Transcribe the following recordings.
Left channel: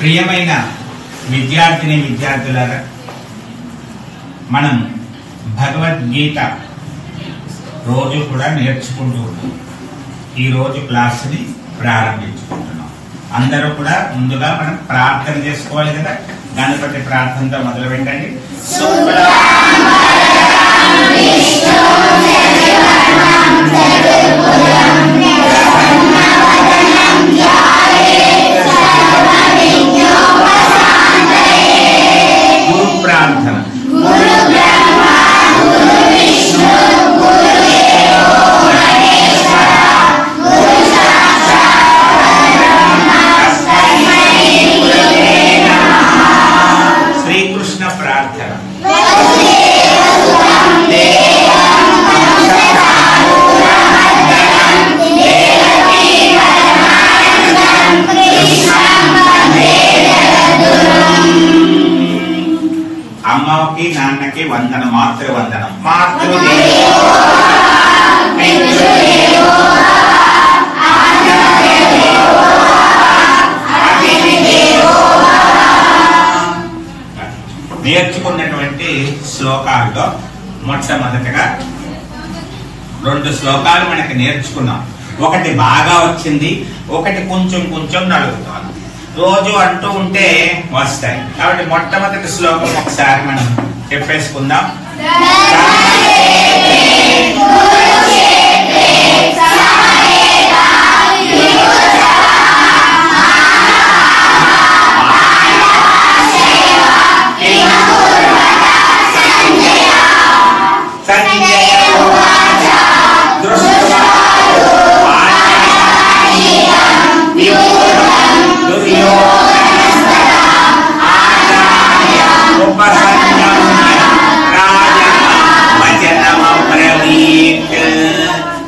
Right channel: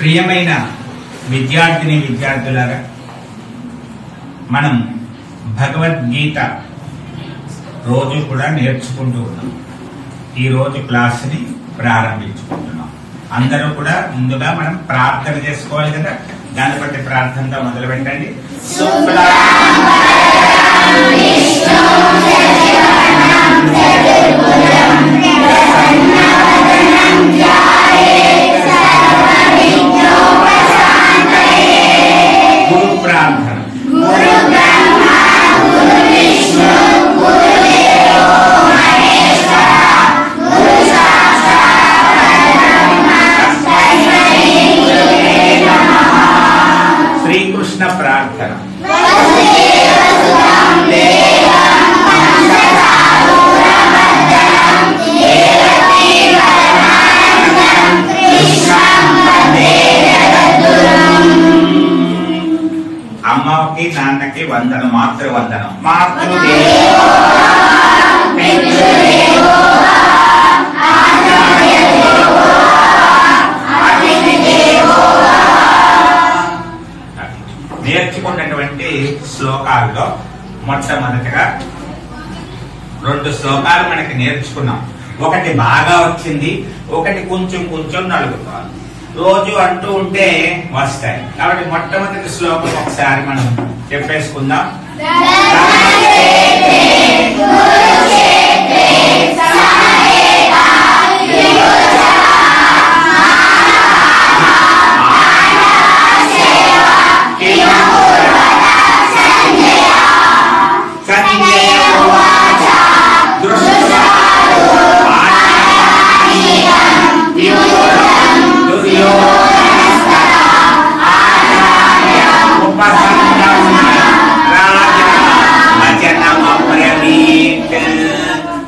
ప్రియమైన విద్యార్థిని విద్యార్థులారా, మనం భగవద్గీత రోజు కూడా నేర్చుకుంటూ ఉన్నాం. ఈ రోజు క్లాస్ని ప్రారంభించుకుంటున్నాం. అందరూ కూడా ముందుగా మనం ప్రార్థన చేసుకోవాలి కదా. గణపతి ప్రార్థనతో మొదలు పెట్టండి. గురు ప్రార్థన. శ్రీకృష్ణ ప్రార్థన. అమ్మకి నాన్నకి వందనం, మాతృవందనం. నేర్చుకున్నటువంటి శ్లోకాల్లో మొట్టమొదటిగా 2 శ్లోకాలు మనకి నేర్చుకున్నాం. ఒకటి బాగా వచ్చింది, ఒకటి కొంచెం కొంచెం నలుగుతాం. రోజు అంటూ ఉంటే వస్తాయి. కాబట్టి మొట్టమొదటి శ్లోకం ఒకసారి మనం చెప్పేసుకుందాం.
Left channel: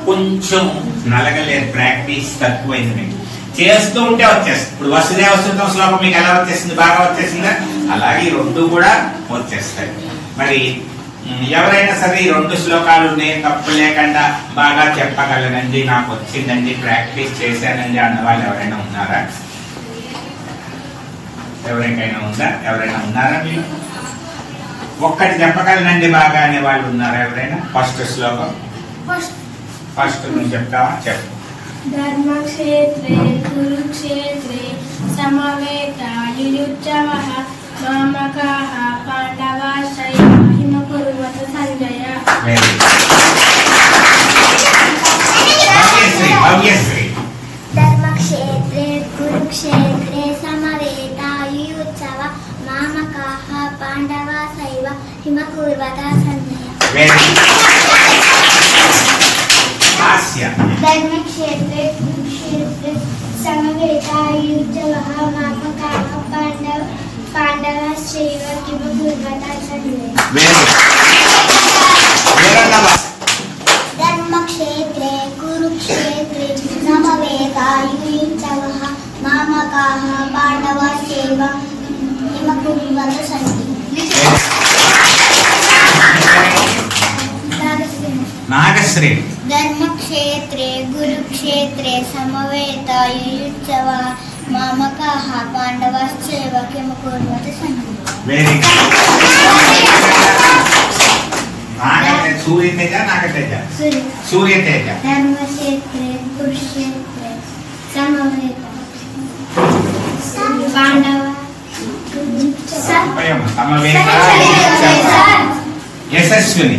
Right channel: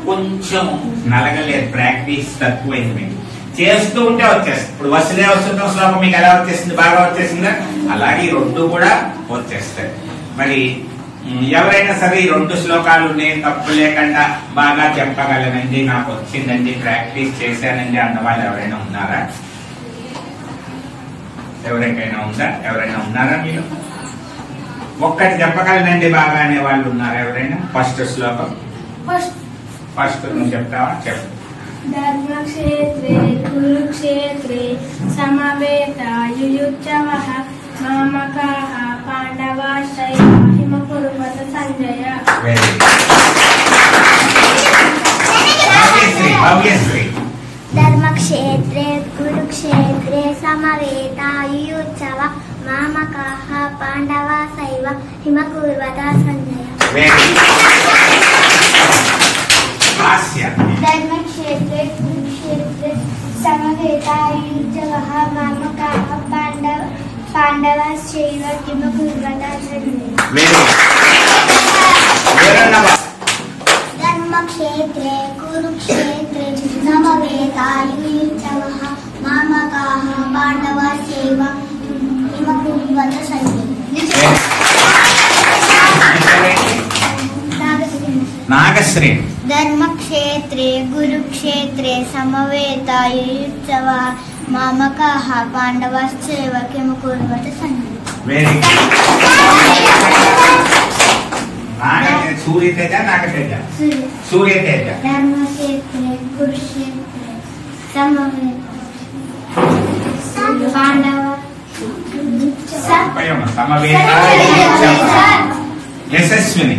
కొంచెం నలగలేదు, ప్రాక్టీస్ తక్కువైంది. మీకు చేస్తూ ఉంటే వచ్చేస్తుంది. ఇప్పుడు వసుదేవ సుతం శ్లోకం మీకు ఎలా వచ్చేసింది? బాగా వచ్చేసిందా? అలాగే ఈ 2 కూడా వచ్చేస్తాయి. మరి ఎవరైనా సరే ఈ 2 శ్లోకాలు నేను తప్పు లేకుండా బాగా చెప్పగలనండి, నాకు వచ్చిందండి, ప్రాక్టీస్ చేశానండి అన్న వాళ్ళు ఎవరైనా ఉన్నారా? ఎవరికైనా ఉందా? ఎవరైనా ఉన్నారా? మీరు ఒక్కటి చెప్పగలనండి బాగా అనే వాళ్ళు ఉన్నారా ఎవరైనా? ఫస్ట్ శ్లోకం ఫస్ట్ నువ్వు చెప్తావా? చెప్పు. ధర్మక్షేత్రే కురుక్షేత్రే సమవేతాయుయుత్సవః మామకాః పాండవాశ్చైవ హిమకుర్వత సంజయ. భవ్యశ్రీ. ధర్మక్షేత్రే కురుక్షేత్రే సమవేతాయుయుత్సవః మామకాః పాండవాశ్చైవ హిమకుర్వత సంజయ. ధర్మక్షేత్రే కురుక్షేత్రే సమవేతాయుయుత్సవః మామకాః పాండవాశ్చైవ హిమకుర్వత సంజయ. ధర్మక్షేత్రే కురుక్షేత్రే సమవేతాయుయుత్సవః మామకాః పాండవాశ్చైవ హిమకుర్వత సంజయ. నాగశ్రీ. ధర్మక్షేత్రే కురుక్షేత్రే సమవేతాయుయుత్సవః మామకాః పాండవాశ్చైవ హిమకుర్వత సంజయ. సూర్యతేజ, నాగతేజ. సూర్యతేజ. ధర్మక్షేత్రే కురుక్షేత్రే యశస్విని.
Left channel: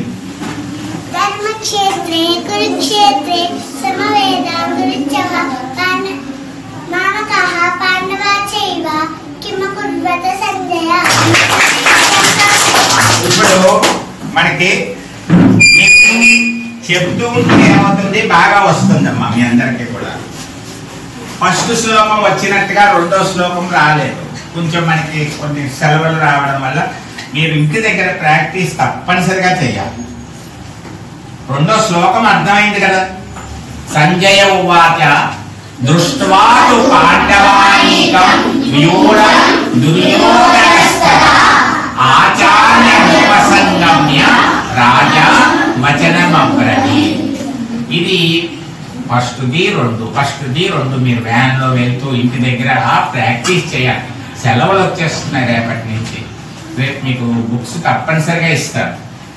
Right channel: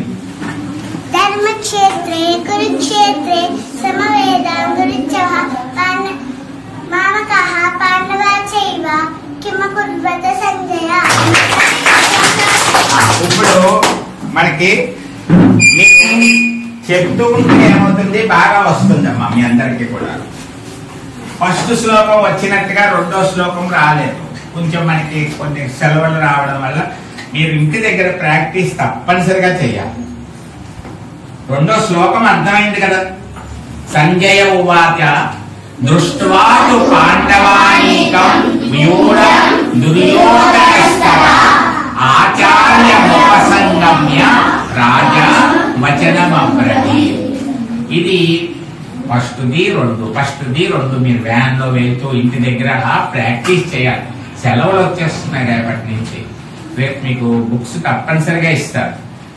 ధర్మక్షేత్రే కురుక్షేత్రే సమవేతాయుయుత్సవః మామకాః పాండవాశ్చైవ హిమకుర్వత సంజయ. ఇప్పుడు మనకి మీకు చెప్తూ ఉంటే ఏమవుతుంది? బాగా వస్తుందమ్మా మీ అందరికీ కూడా. ఫస్ట్ శ్లోకం వచ్చినట్టుగా 2వ శ్లోకం రాలేదు. కొంచెం మనకి కొన్ని సెలవులు రావడం వల్ల మీరు ఇంటి దగ్గర ప్రాక్టీస్ తప్పనిసరిగా చెయ్యాలి. 2వ శ్లోకం అర్థమైంది కదా. సంజయ ఉవాచ దృష్ట్వా తు పాండవానీకం వ్యూఢ దుర్యోధనస్త వచనం అబ్రవి. ఇది ఫస్ట్ది రెండు మీరు వ్యాన్ లో వెళ్తూ ఇంటి దగ్గర ప్రాక్టీస్ చేయాలి. సెలవులు వచ్చేస్తున్నాయి రేపటి నుంచి. రేపు మీకు బుక్స్ తప్పనిసరిగా ఇస్తారు.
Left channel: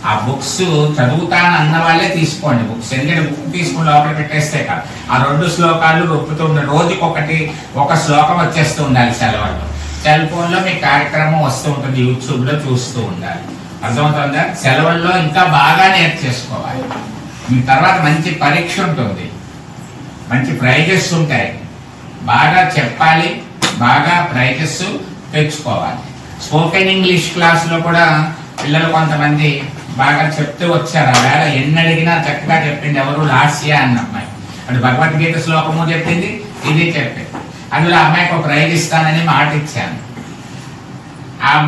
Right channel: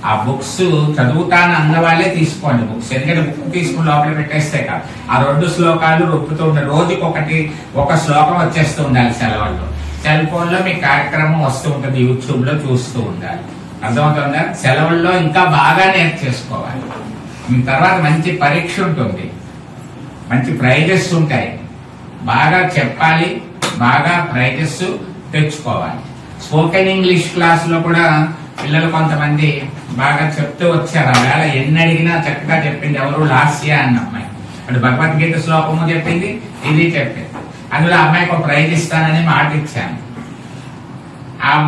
ఆ బుక్స్ చదువుతాను అన్న వాళ్ళే తీసుకోండి బుక్స్. ఎందుకంటే బుక్ తీసుకుని లోపల పెట్టేస్తే కాదు. ఆ 2 శ్లోకాలు రొప్పుతూ ఉండాలి. రోజుకొకటి ఒక శ్లోకం వచ్చేస్తూ ఉండాలి సెలవుల్లో. సెల్ ఫోన్ లో మీ కార్యక్రమం వస్తూ ఉంటుంది, యూట్యూబ్ లో చూస్తూ ఉండాలి. అర్థమవుతుందా? సెలవుల్లో ఇంకా బాగా నేర్చేసుకోవాలి. తర్వాత మంచి పరీక్ష ఉంటుంది, మంచి ప్రైజెస్ ఉంటాయి. బాగా చెప్పాలి, బాగా ప్రైజెస్ తెచ్చుకోవాలి. స్పోకెన్ ఇంగ్లీష్ క్లాస్ లో కూడా పిల్లలు కొంతమంది బాగా చెప్తూ వచ్చారు. ఆ వేళ ఎన్ని అడిగినా చక్కగా చెప్పింది. ఎవరు? లాస్య అన్న అమ్మాయి. అటు భగవద్గీత శ్లోకము చెప్పింది, ఇది చెప్పింది. అందులో అమ్మాయికి ఒక ప్రైజ్ ఇస్తానని మాట ఇచ్చాను.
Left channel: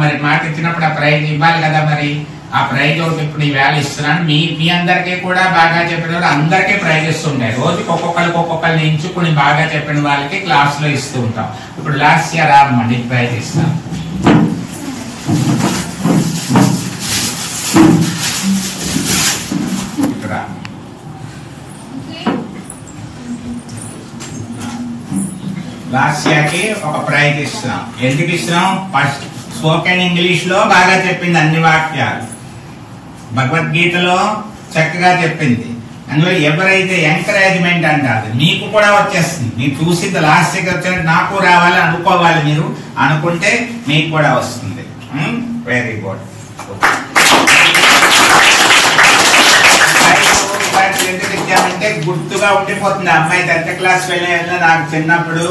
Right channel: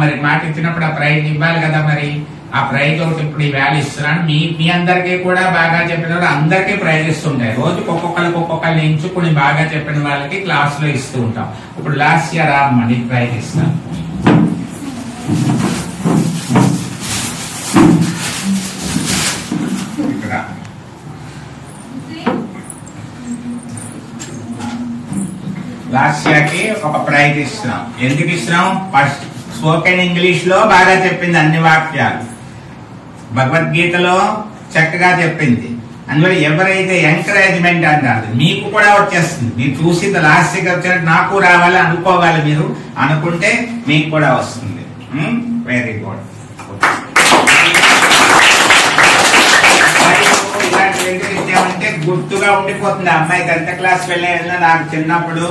మరి మాట ఇచ్చినప్పుడు ఆ ప్రైజ్ ఇవ్వాలి కదా. మరి ఆ ప్రైజ్ ఒకటి ఇప్పుడు ఈ వేళ ఇస్తున్నాను. మీ అందరికీ కూడా బాగా చెప్పిన అందరికీ ప్రైజెస్ ఉంటాయి. రోజుకి ఒక్కొక్కరిని ఎంచుకుని బాగా చెప్పిన వాళ్ళకి క్లాస్ లో ఇస్తూ ఉంటాం. ఇప్పుడు లాస్ట్ ఇయర్ రామ్మండి ప్రైజ్ ఇస్తాం. ఇక్కడ లాస్ట్ ఇయర్కి ఒక ప్రైజ్ ఇస్తున్నాం. ఎందుకు ఇస్తున్నాం? ఫస్ట్ స్పోకెన్ ఇంగ్లీష్ లో బాగా చెప్పింది అన్ని వాక్యాలు, భగవద్గీతలో చక్కగా చెప్పింది. అందువల్ల ఎవరైతే ఎంకరేజ్మెంట్ అంటారు మీకు కూడా వచ్చేస్తుంది. మీరు చూసింది లాస్ట్ ఇయర్ వచ్చినట్టు నాకు రావాలి అనుకోవాలి. మీరు అనుకుంటే మీకు కూడా వస్తుంది. Very good. ఎందుకు ఇచ్చామంటే గుర్తుగా ఉండిపోతుంది. అమ్మాయి 10th క్లాస్ వెళ్ళిన నాకు చిన్నప్పుడు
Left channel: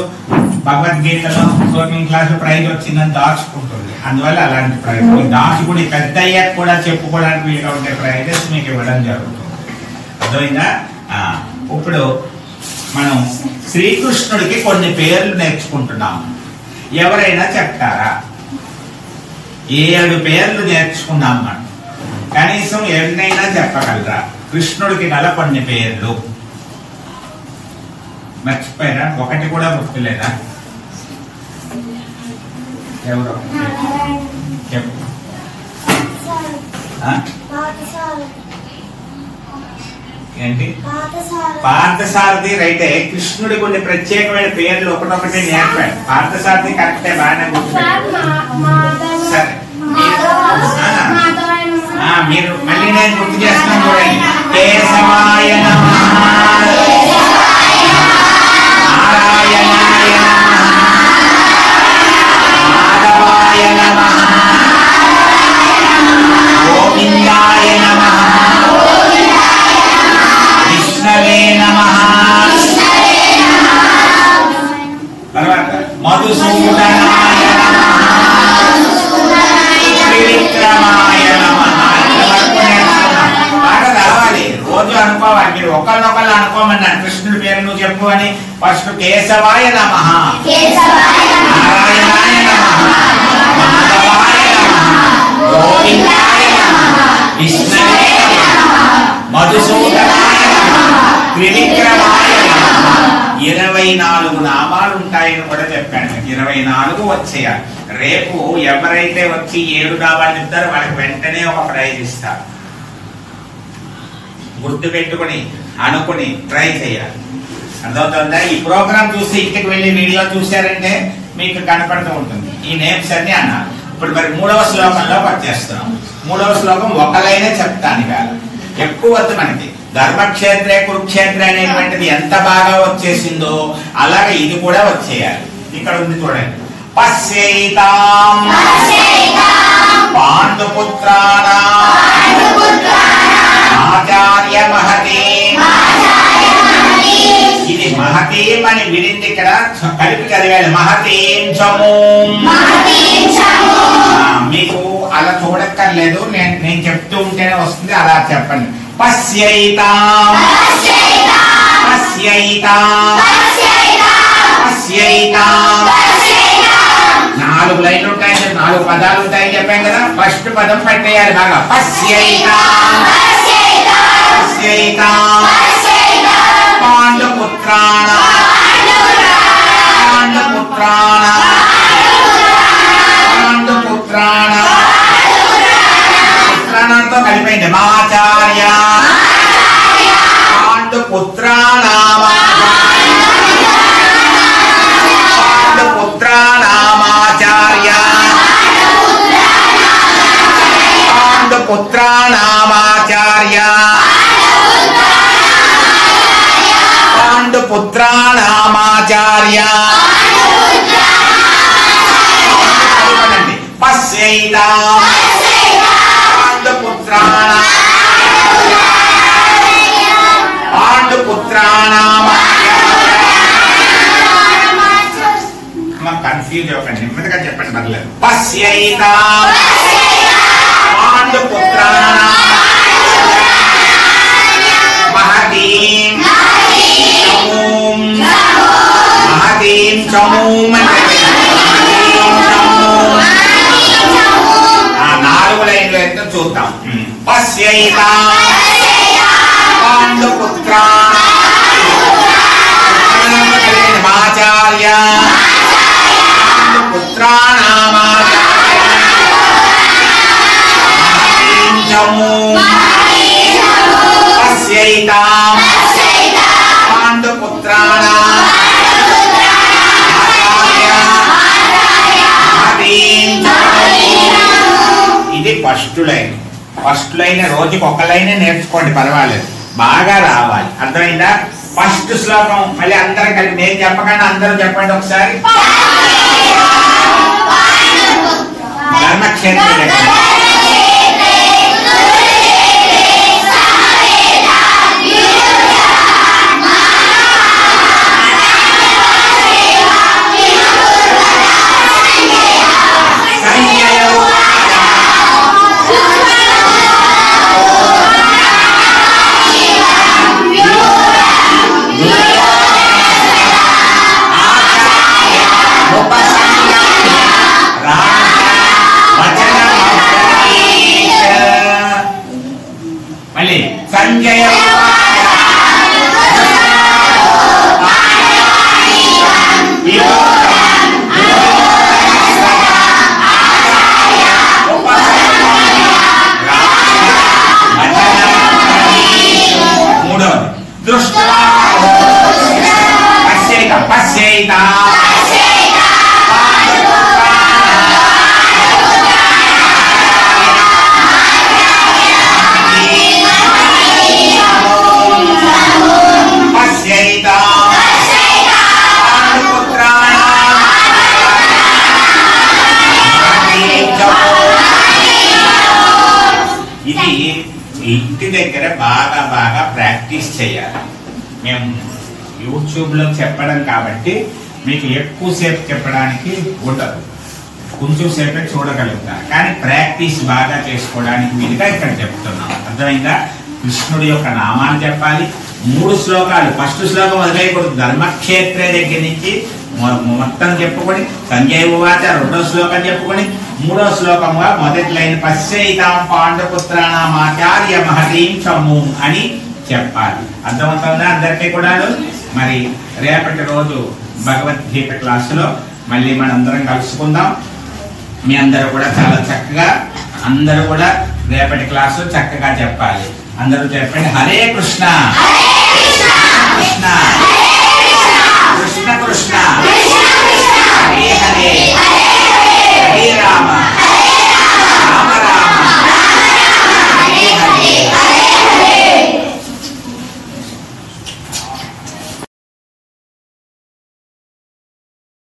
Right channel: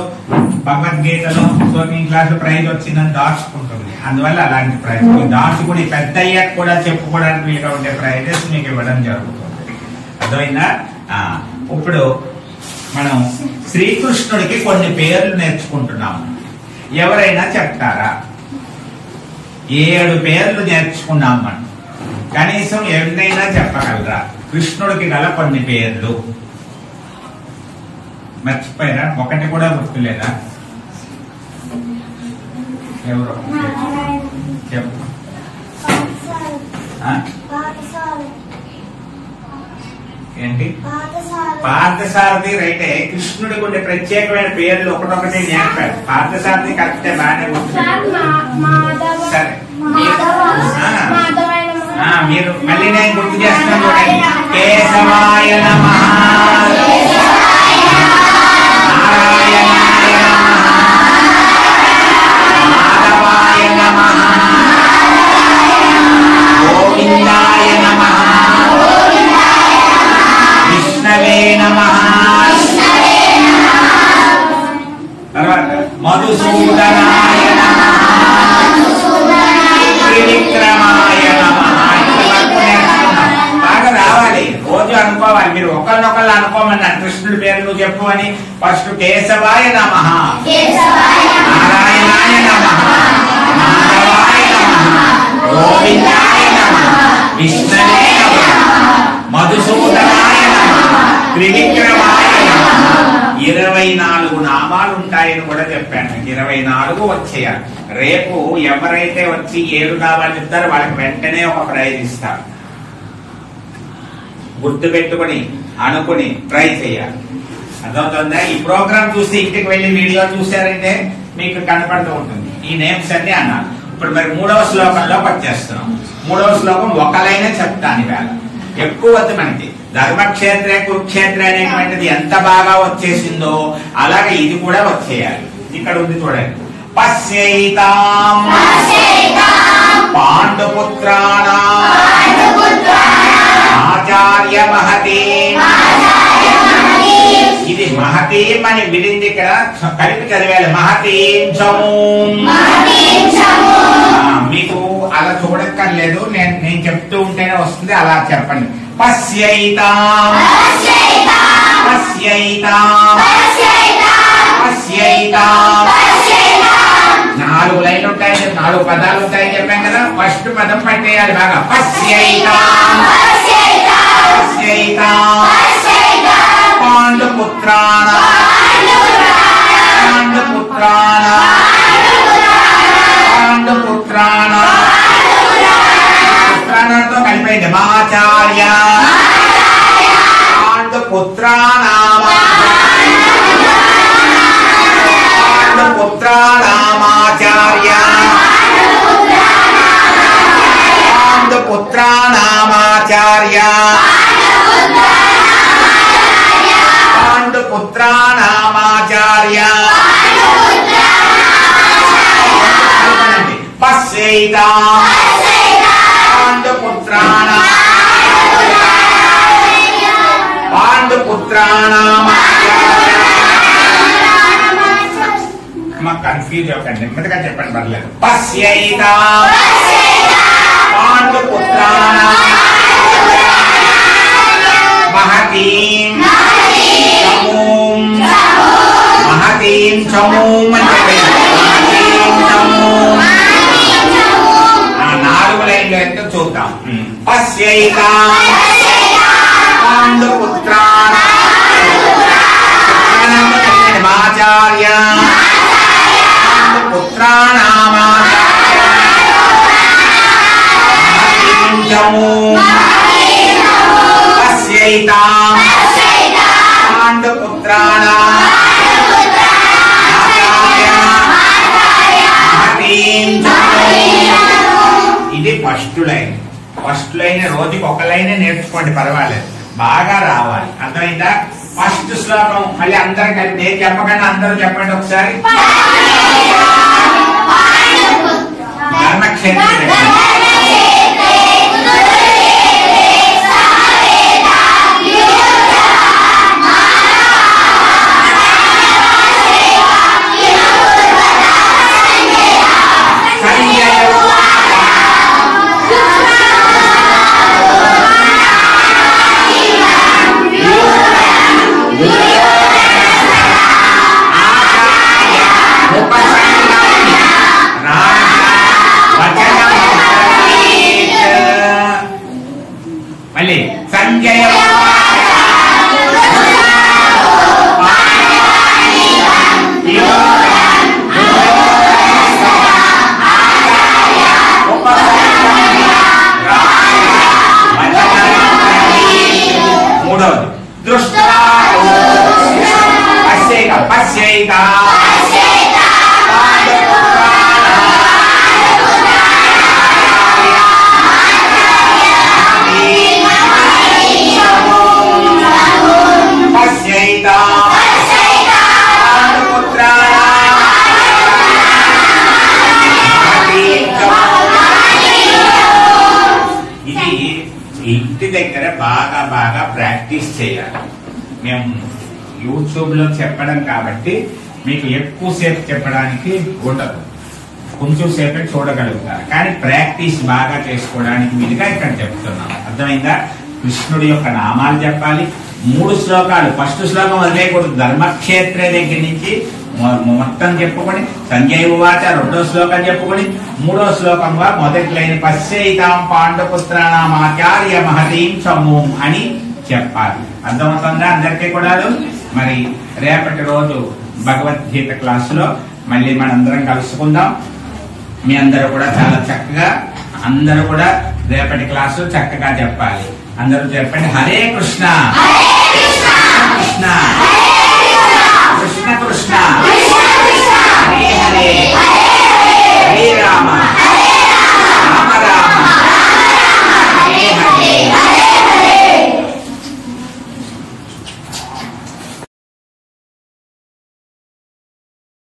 భగవద్గీతలో స్పోకెన్ క్లాస్ ప్రైజ్ వచ్చిందని దాచుకుంటుంది. అందువల్ల అలాంటి ప్రైజ్ దాచుకుని పెద్ద అయ్యాక కూడా చెప్పుకోవడానికి వీలుగా ఉండే ప్రైజెస్ మీకు ఇవ్వడం జరుగుతుంది. అర్థమైందా? ఇప్పుడు మనం శ్రీకృష్ణుడికి కొన్ని పేర్లు నేర్చుకుంటున్నాము. ఎవరైనా చెప్తారా? 7 పేర్లు నేర్చుకున్నాం మనం. కనీసం ఎవరినైనా చెప్పగలరా కృష్ణుడికి గల కొన్ని పేర్లు? మర్చిపోయారా? ఒకటి కూడా గుర్తులేదా? ఎవరు చెప్పు. ఏంటి? పార్థసారథి రైటే. కృష్ణుడి కొన్ని ప్రత్యేకమైన పేర్లు ఒకటొకటి నేర్పాడు. పార్థసారథి కరెక్టే, బాగానే గుర్తులేదు. సరే మీరు మళ్ళీ నేను గుర్తు చేస్తున్నాను చూడండి. కేశవాయ నమః, నారాయణాయ నమః, మాధవాయ నమః, గోవిందాయ నమః, విష్ణవే నమః, తర్వాత మధుసూదనాయ నమః, త్రివిక్రమాయ నమః. బాగా రావాలి, రోజు అనుకోవాలి. మీరు ఒకళ్ళనొకళ్ళు అనుకోమన్నారు. కృష్ణుడి పేరు నువ్వు చెప్పు అని. ఫస్ట్ కేశవాయ నమః, నారాయణాయ నమః, మాధవాయ నమః, గోవిందాయ నమః, విష్ణవే నమః, మధుసూదనాయ నమః, త్రివిక్రమాయ నమః. 24 నామాలు ఉంటాయని కూడా చెప్పాను. 24 వచ్చేయాలి. రేపు ఎవరైతే వచ్చి 7 నామాలు చెప్తారో వాళ్ళకి వెంటనే ఒక ప్రైజ్ ఇస్తారు. గుర్తు పెట్టుకుని అనుకుని ట్రై చేయాలి. అర్థమవుతుందా? ఈ ప్రోగ్రామ్ చూసి ఇంటికి వెళ్ళి వీడియో చూసారంటే మీకు కనపడుతూ ఉంటుంది. ఈ నేమ్స్ అన్ని అన్నారు. ఇప్పుడు మరి 3వ శ్లోకంలోకి వచ్చేస్తున్నాం. 3వ శ్లోకం ఒక లైనే చెప్తాను. ఇవాళ ఎక్కువ వద్దు మనకి. ధర్మక్షేత్రే కురుక్షేత్రే అనేటువంటిది ఎంత బాగా వచ్చేసిందో అలాగే ఇది కూడా వచ్చేయాలి. ఇక్కడ ఉంది చూడండి. పశ్యైతాం పాండుపుత్రాణాం ఆచార్య మహతీం. ఇది మహతీం అని విడింది. ఇక్కడ కలిపి చదివాలి. మహతీం చమూం. మీకు అలా చూడక్కర్లేదు, నేను చెప్తూ ఉంటేనే వస్తుంది. అలా చెప్పండి. పశ్యైతాం పశ్యైతాం పశ్యైతాం. 4 లైన్లు ఉంటాయి, 4 పదాలు ఉంటాయని చెప్పాం కదా. ఫస్ట్ పదం పెట్టేయాలి బాగా. పశ్యైతాం పశ్యైతాం పాండుపుత్రాణాం పాండుపుత్రాణాం పాండుపుత్రాణాం. పుత్రాణంతో కలిపైంది. మాచార్య పాండుపుత్రాణామాచార్య పాండుపుత్రాణామాచార్య పశ్యైతాం పాండుపుత్రాణామాచార్య కన్ఫ్యూజ్ అవ్వకండి, నెమ్మదిగా చెప్పండి పర్లేదు. పశ్యైతాం పాండుపుత్రాణాం మహతీం చమూం మహతీం చమూం అంటే మహతీం చమూం. ఆ 4 లైన్లో ఎంత చూద్దాం. పశ్యైతాం పాండుపుత్రాణామాచార్య పుత్రాణామాచార్య మహతీం చమూం పశ్యైతాం పాండుపుత్రాణామాచార్య మహతీం చమూం. ఇది ఫస్ట్ లైన్. ఫస్ట్ లైన్ రోజుకి ఒక లైనే నేర్చుకోండి, పర్వాలేదు, బాగా రావాలి. అర్థమైందా? ఫస్ట్ శ్లోకం మళ్ళీ అందరు కలిపి, నేను చెప్పకుండా అందరూ చెప్పండి ఒకసారి. ధర్మక్షేత్ర మళ్ళీ సంజయ మూడవది దృష్ట్యా పశ్యైత ఇది ఇంటి దగ్గర బాగా బాగా ప్రాక్టీస్ చేయాలి. మేము యూట్యూబ్లో చెప్పడం కాబట్టి మీకు ఎక్కువసేపు చెప్పడానికి ఉండదు, కొంచెం సేపే చూడగలుగుతారు. కానీ ప్రాక్టీస్ బాగా చేసుకోవడానికి వీలుగా ఇక్కడ చెప్తున్నాం. అర్థమైందా? కృష్ణుడి యొక్క నామాలు చెప్పాలి. 3 శ్లోకాలు. ఫస్ట్ శ్లోకం వదిలేయకూడదు. ధర్మక్షేత్రే దగ్గర నుంచి మొత్తం చెప్పుకొని సంజయ్ ఉవాచ 2వ శ్లోకం చెప్పుకొని 3వ శ్లోకంగా మొదటి లైన్ పశ్యైతాం పాండుపుత్రాణామాచార్య మహతీం చమూం అని చెప్పాలి. అర్థమవుతుందా అందరికీ కూడా? మరి రేపటి రోజు భగవద్గీత క్లాసులో మళ్ళీ మనందరం కలుసుకుందాం. మీ అందరూ కూడా చాలా చక్కగా, అందరూ కూడా రేపటి క్లాసు చక్కగా చెప్పాలి. అందరూ చెప్పండి. హరే కృష్ణ.